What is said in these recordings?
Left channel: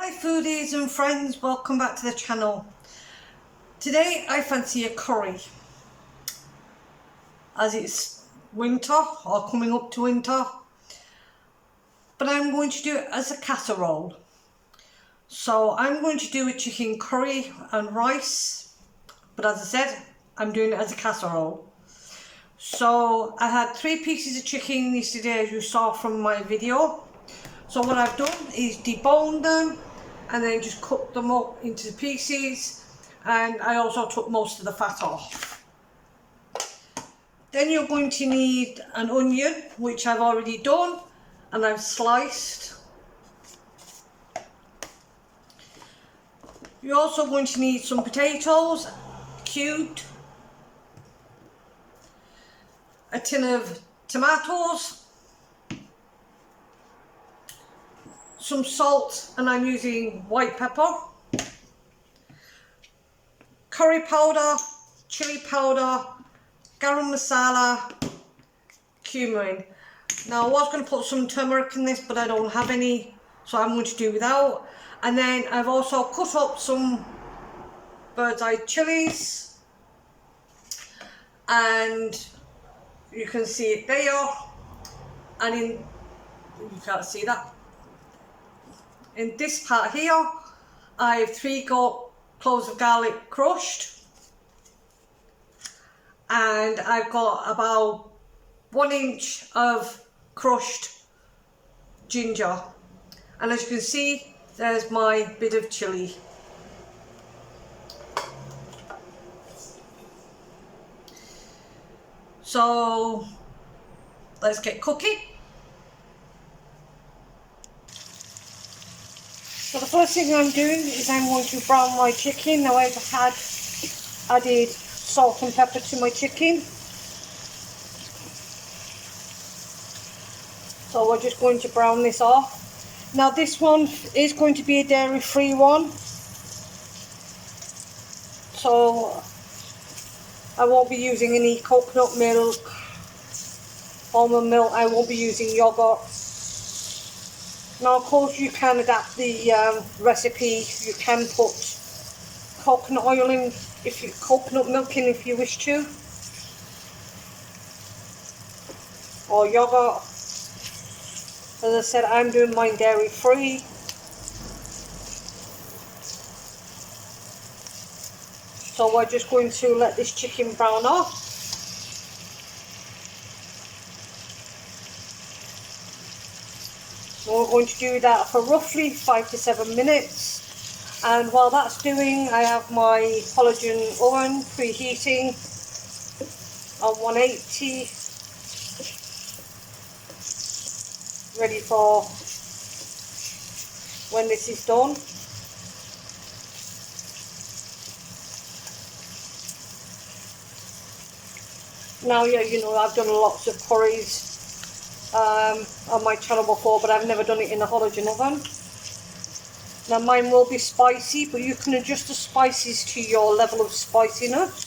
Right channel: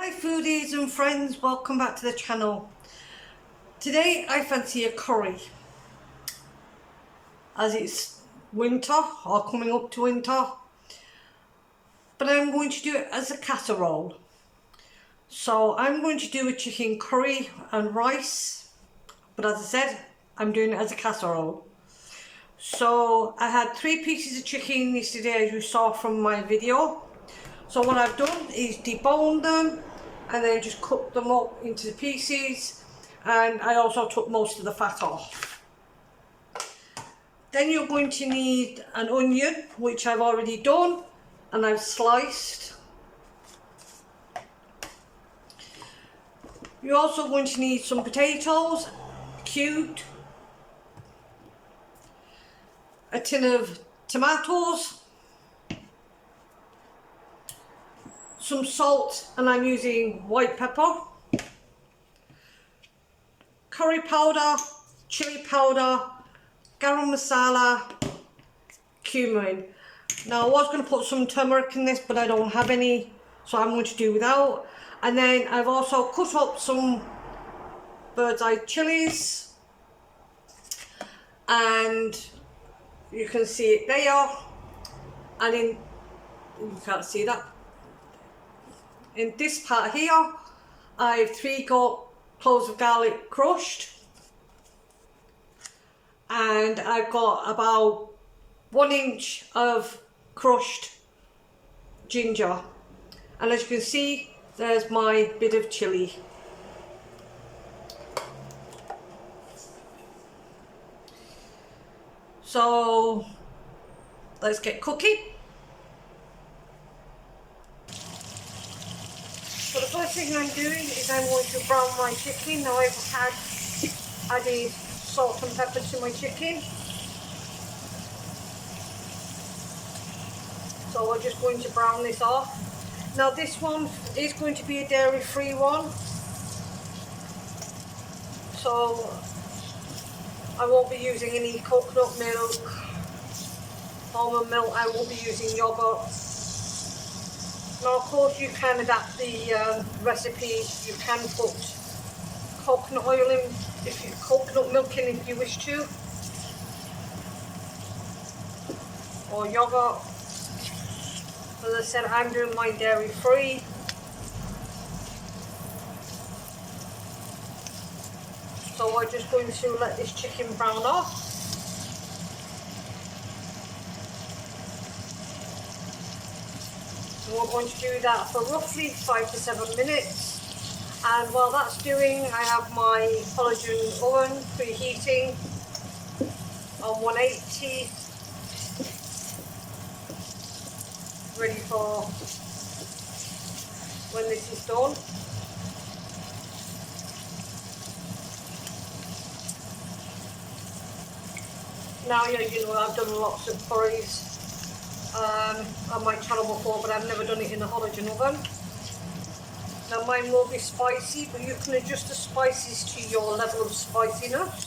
Hi foodies and friends, welcome back to the channel. Today I fancy a curry, as it's winter or coming up to winter, but I'm going to do it as a casserole. So I'm going to do a chicken curry and rice, but as I said, I'm doing it as a casserole. So I had 3 pieces of chicken yesterday, as you saw from my video. So what I've done is debone them and then just cut them up into pieces, and I also took most of the fat off. Then you're going to need an onion, which I've already done and I've sliced. You're also going to need some potatoes, cubed, a tin of tomatoes, some salt, and I'm using white pepper, curry powder, chili powder, garam masala, cumin. Now I was going to put some turmeric in this, but I don't have any, so I'm going to do without. And then I've also cut up some bird's eye chilies, and you can see it there, and you can't see that. In this part here, I have 3 cloves of garlic crushed, and I've got about 1 inch of crushed ginger, and as you can see, there's my bit of chilli. So let's get cooking. So the first thing I'm doing is I'm going to brown my chicken. Now I've added salt and pepper to my chicken. So we're just going to brown this off. Now this one is going to be a dairy-free one, so I won't be using any coconut milk, almond milk. I won't be using yogurt. Now of course you can adapt the recipe. You can put coconut oil in, coconut milk in if you wish to, or yogurt. As I said, I'm doing mine dairy free. So we're just going to let this chicken brown off. We're going to do that for roughly 5 to 7 minutes. And while that's doing, I have my Halogen oven preheating on 180. Ready for when this is done. Now, yeah, you know, I've done lots of curries on my channel before, but I've never done it in a Halogen oven. Now mine will be spicy, but you can adjust the spices to your level of spiciness.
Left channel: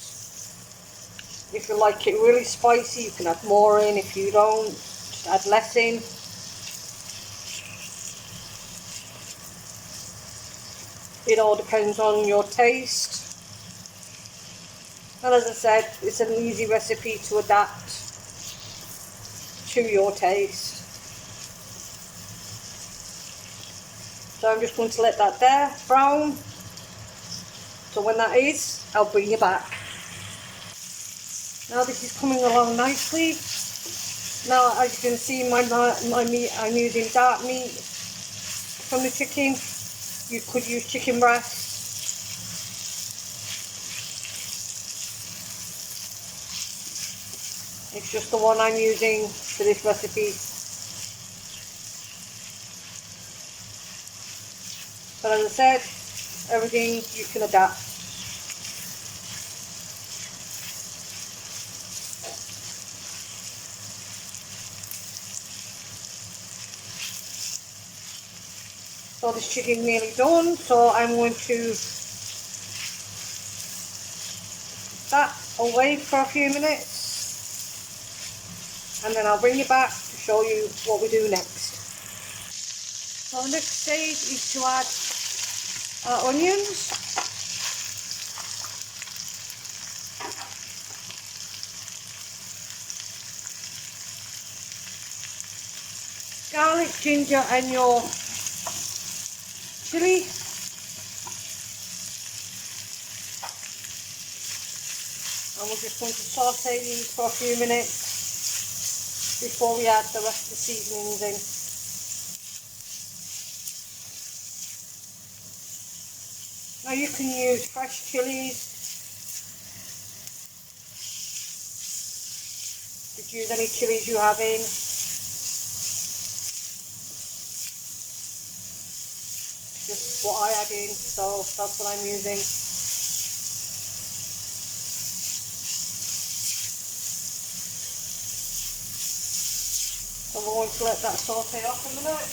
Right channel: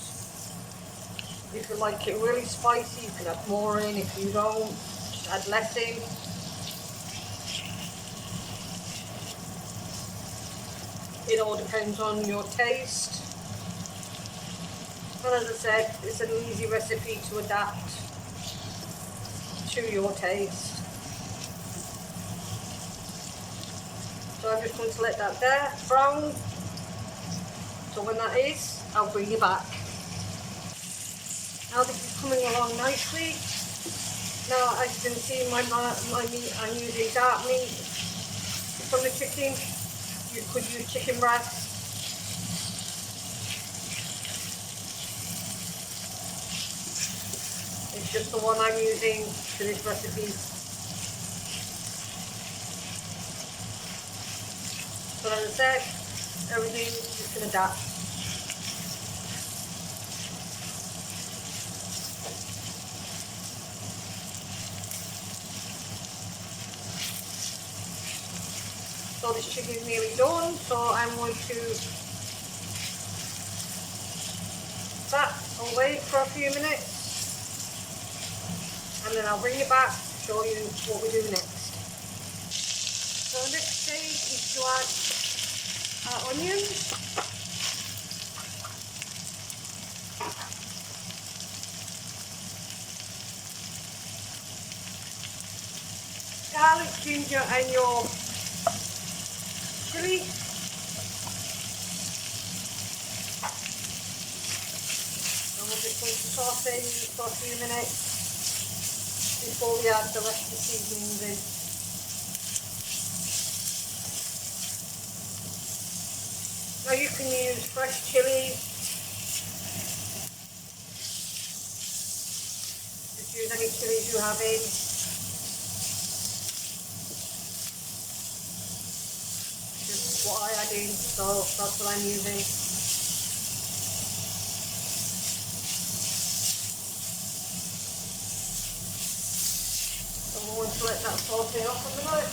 If you like it really spicy, you can add more in. If you don't, just add less in. It all depends on your taste. And as I said, it's an easy recipe to adapt to your taste. So I'm just going to let that there brown. So when that is, I'll bring you back. Now this is coming along nicely. Now as you can see, my meat, I'm using dark meat from the chicken. You could use chicken breast. It's just the one I'm using for this recipe. But as I said, everything you can adapt. So this chicken's nearly done, so I'm going to that away for a few minutes, and then I'll bring you back to show you what we do next. So the next stage is to add our onions. Garlic, ginger and your chilli. And we're just going to saute these for a few minutes before we add the rest of the seasonings in. Now you can use fresh chilies, just use any chilies you have in. Just what I add in, so that's what I'm using. So we're going to let that saute off a minute.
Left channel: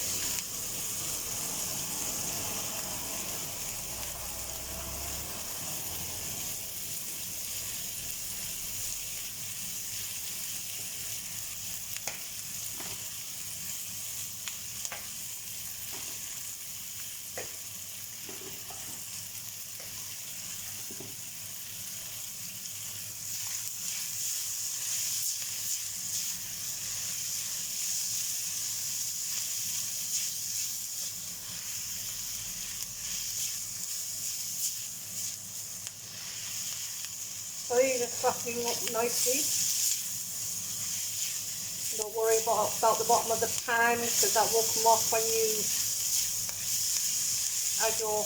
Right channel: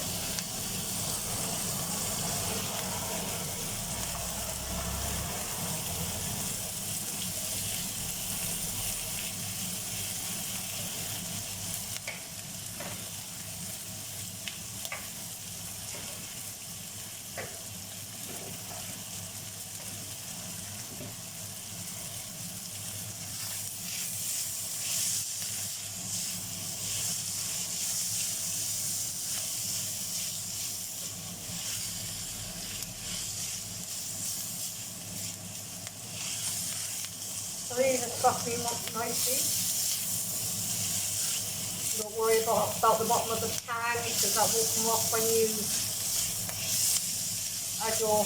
So these are cracking up nicely. Don't worry about the bottom of the pan because that will come off when you add your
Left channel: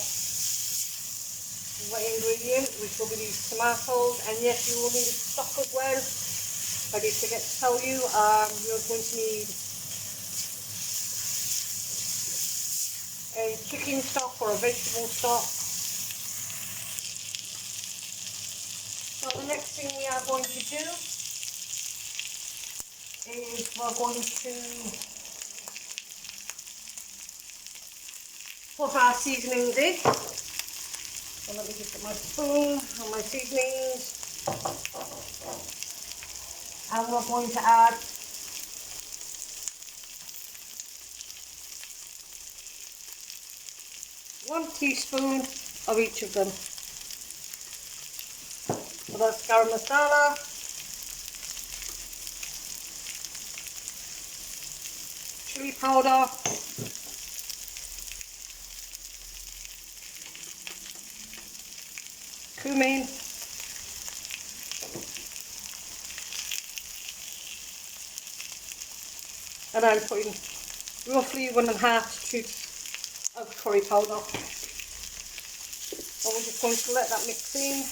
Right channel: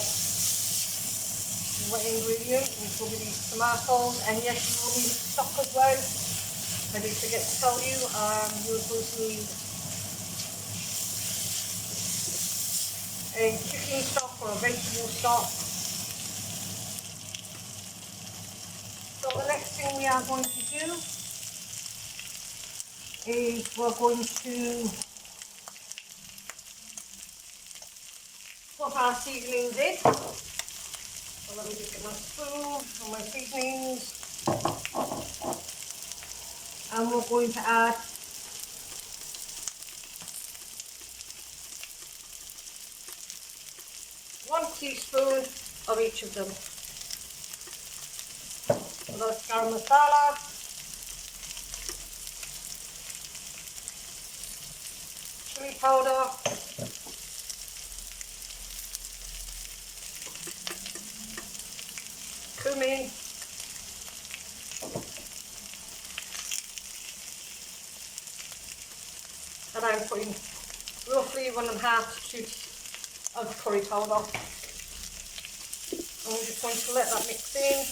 wet ingredient, which will be these tomatoes. And yes, you will need stock as well. I did forget to tell you, you're going to need a chicken stock or a vegetable stock. So the next thing we are going to do is we're going to put our seasonings in. So let me just get my spoon and my seasonings. And we're going to add one teaspoon of each of them. So that's garam masala, chili powder, cumin, and I'm putting roughly 1.5 teaspoons of curry powder. And we're just going to let that mix in.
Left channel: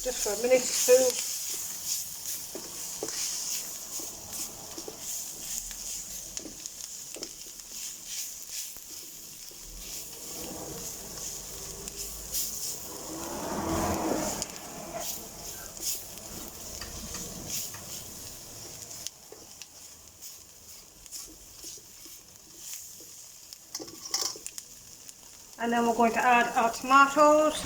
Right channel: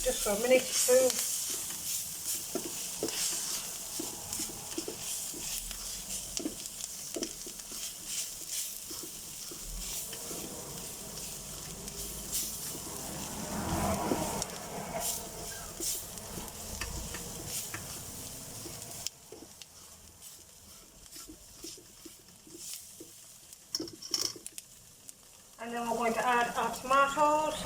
Just for a minute or two. And then we're going to add our tomatoes.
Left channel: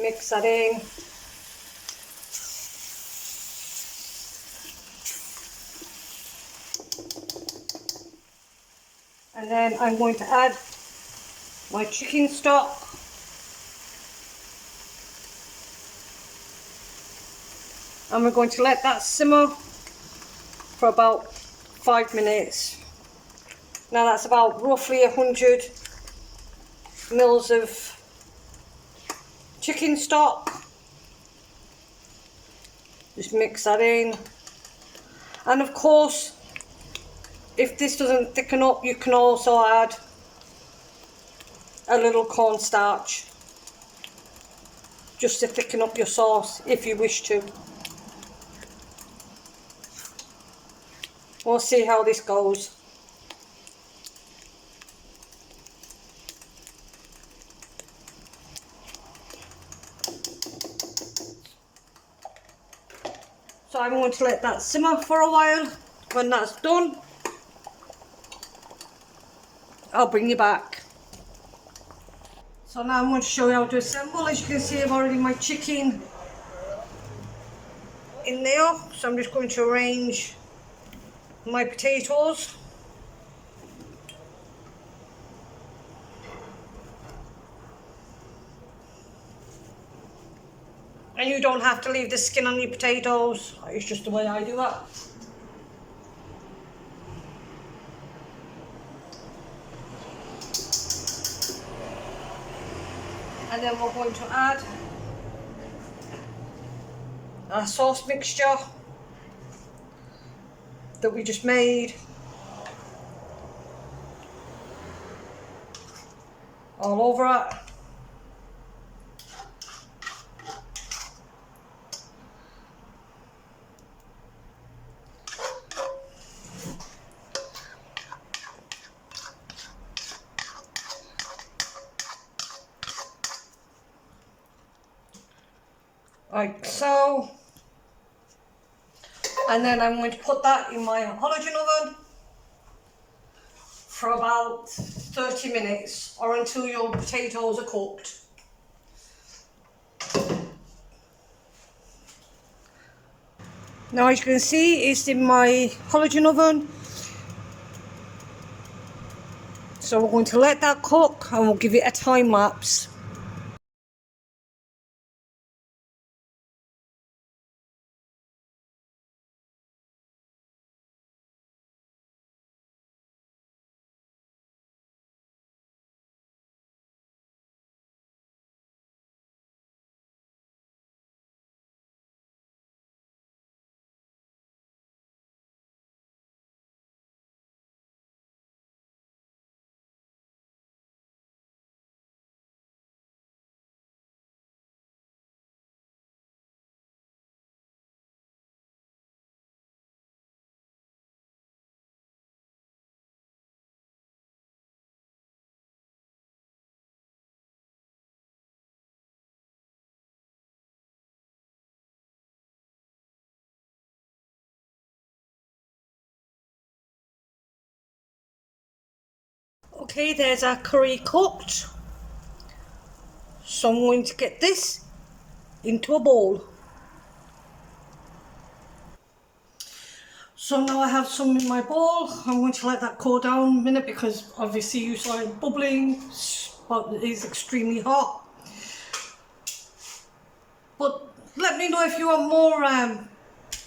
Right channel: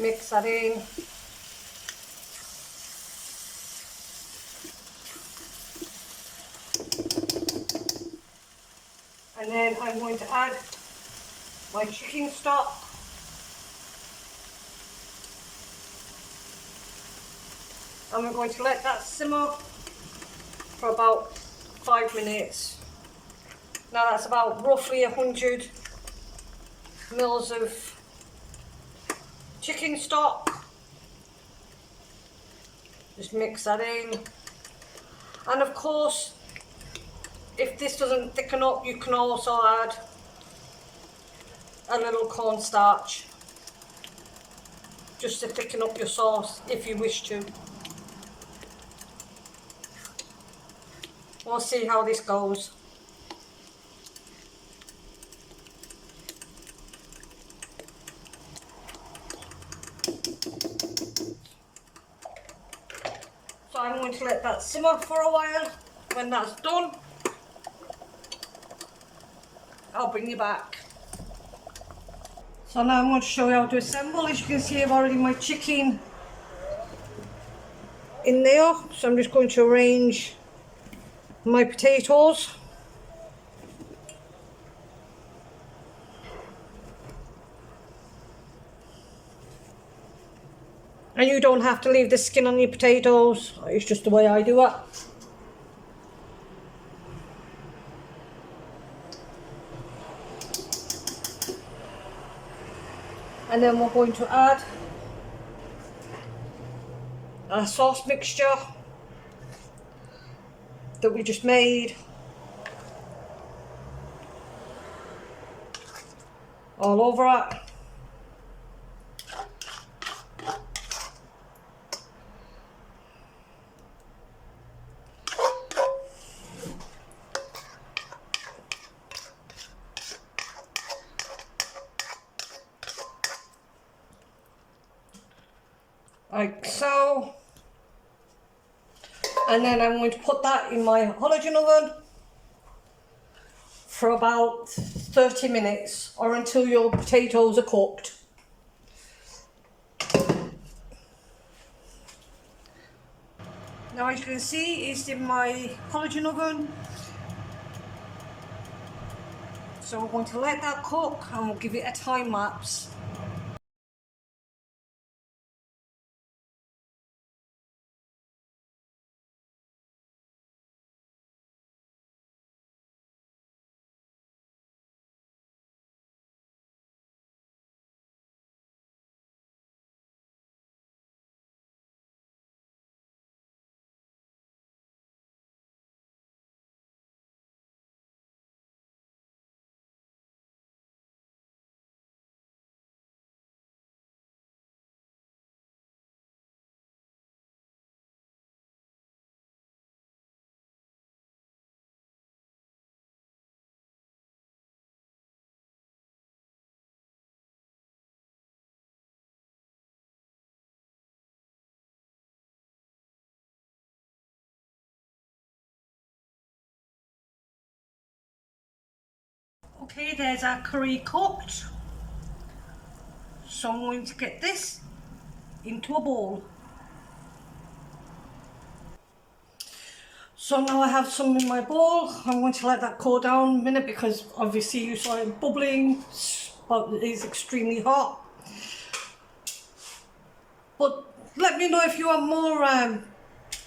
Mix that in. And then I'm going to add my chicken stock. And we're going to let that simmer for about 5 minutes. Now that's about roughly 100 mils of chicken stock. Just mix that in. And of course, if this doesn't thicken up, you can also add a little cornstarch just to thicken up your sauce if you wish to. We'll see how this goes. So I'm going to let that simmer for a while. When that's done, I'll bring you back. So now I'm going to show you how to assemble. As you can see, I've already my chicken in there. So I'm just going to arrange my potatoes. And you don't have to leave the skin on your potatoes. It's just the way I do it. And then we're going to add our sauce mixture that we just made all over it. Like so. And then I'm going to put that in my Halogen oven for about 30 minutes or until your potatoes are cooked. Now as you can see, it's in my Halogen oven. So we're going to let that cook and we'll give it a time lapse. Okay, there's our curry cooked. So I'm going to get this into a bowl. So now I have some in my bowl. I'm going to let that cool down a minute because obviously you saw it bubbling, but it is extremely hot. But let me know if you want more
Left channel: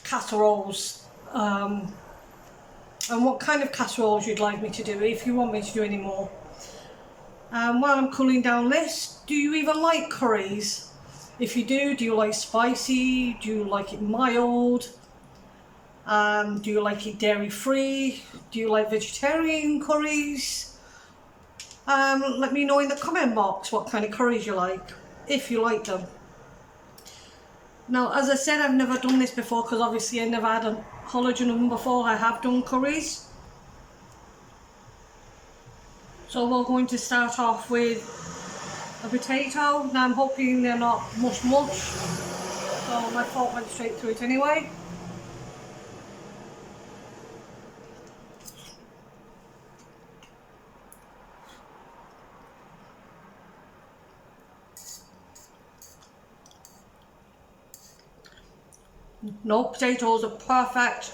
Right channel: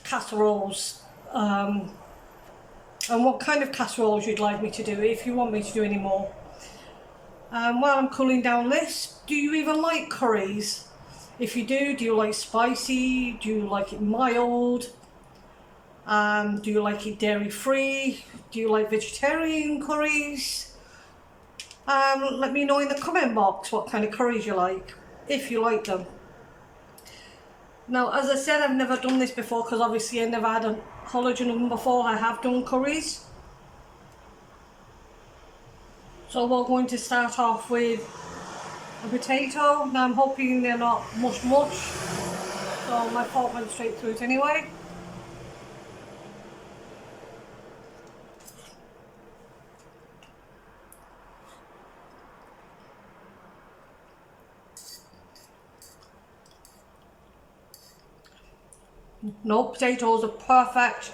casseroles and what kind of casseroles you'd like me to do, if you want me to do any more. While I'm cooling down this, do you even like curries? If you do you like spicy? Do you like it mild? Do you like it dairy free? Do you like vegetarian curries? Let me know in the comment box what kind of curries you like, if you like them. Now, as I said, I've never done this before because obviously I never had a Halogen oven before. I have done curries. So we're going to start off with a potato. Now I'm hoping they're not mush. So my fork went straight through it anyway. No, potatoes are perfect.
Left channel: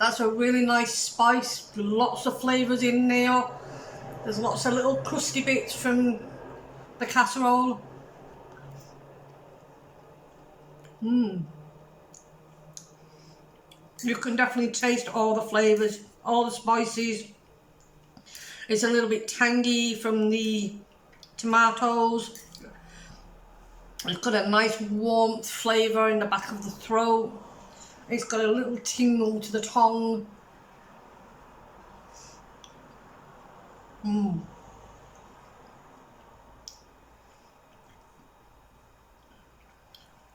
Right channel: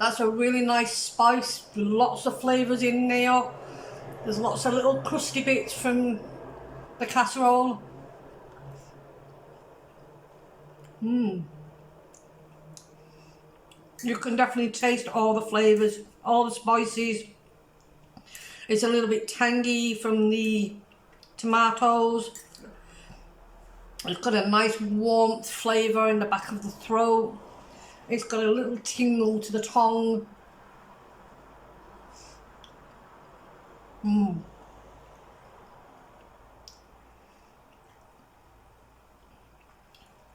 That's a really nice spice, lots of flavours in there. There's lots of little crusty bits from the casserole. You can definitely taste all the flavours, all the spices. It's a little bit tangy from the tomatoes. It's got a nice warmth flavour in the back of the throat. It's got a little tingle to the tongue. And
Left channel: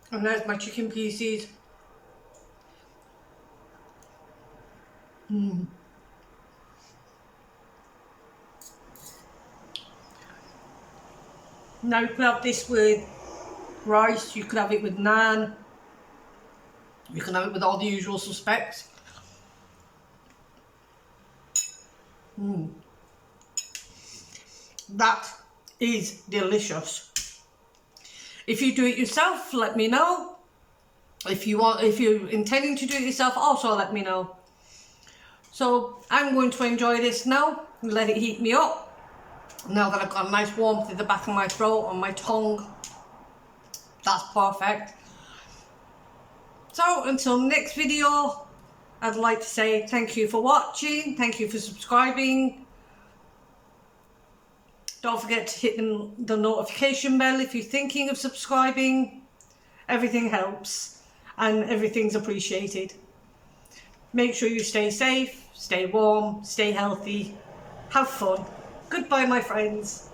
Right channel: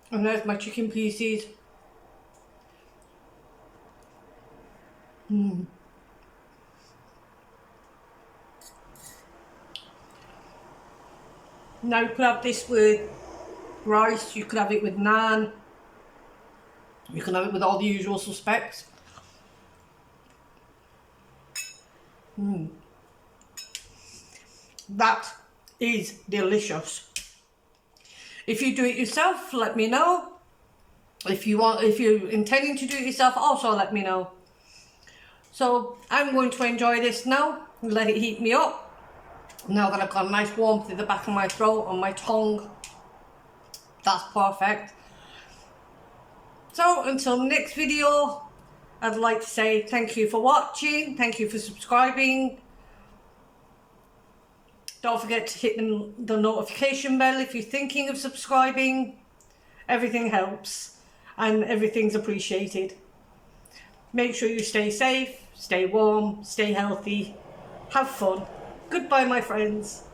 there's my chicken pieces. Now you could have this with rice, you could have it with naan, you can have it with all the usual suspects. That is delicious. If you do it yourself, let me know. If you're intending to do it yourself, also let me know. So I'm going to enjoy this now and let it heat me up. Now that I've got a nice warmth in the back of my throat and my tongue, that's perfect. So until next video, I'd like to say thank you for watching, thank you for subscribing. Don't forget to hit the notification bell if you're thinking of subscribing. Everything helps and everything's appreciated. Make sure you stay safe, stay warm, stay healthy, have fun. Goodbye, my friends.